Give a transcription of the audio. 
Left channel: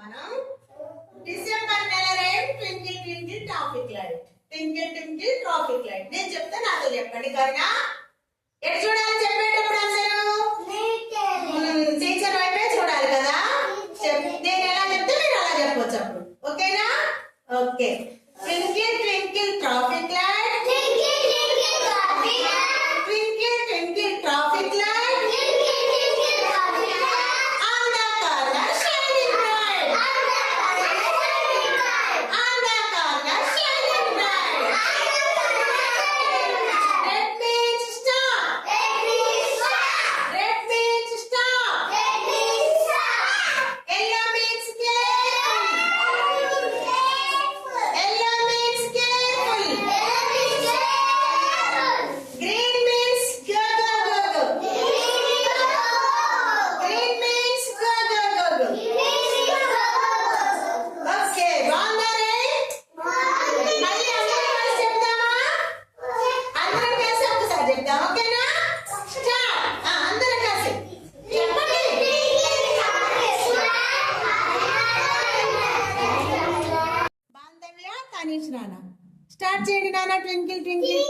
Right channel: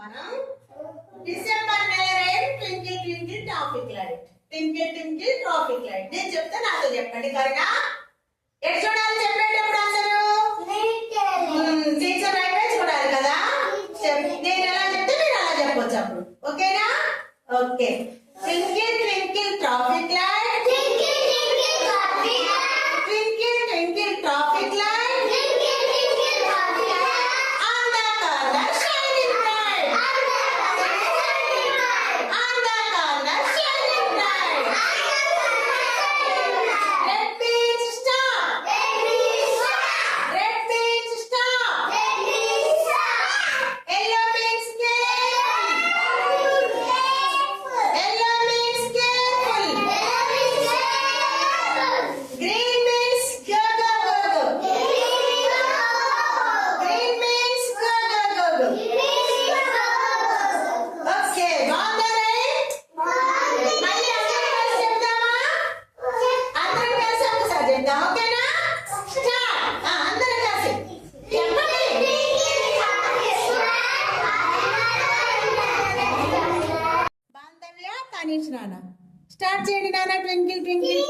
మనం డిసెంబర్ నెల twinkle twinkle traffic light. Twinkle twinkle traffic light నేను చెప్తే నాతో చెప్పండి. సరేనా? ఎటు చూడాలి చెప్పేటప్పుడు అందరూ టీచర్ వైపే చూడాలి కదా. నేను ఎలా చెప్తే మీరు అలా చెప్పొచ్చు అప్పుడు. ఓకేనా? Okay. Twinkle twinkle traffic light, twinkle twinkle traffic light, start చేయండి నాన్న. Twinkle twinkle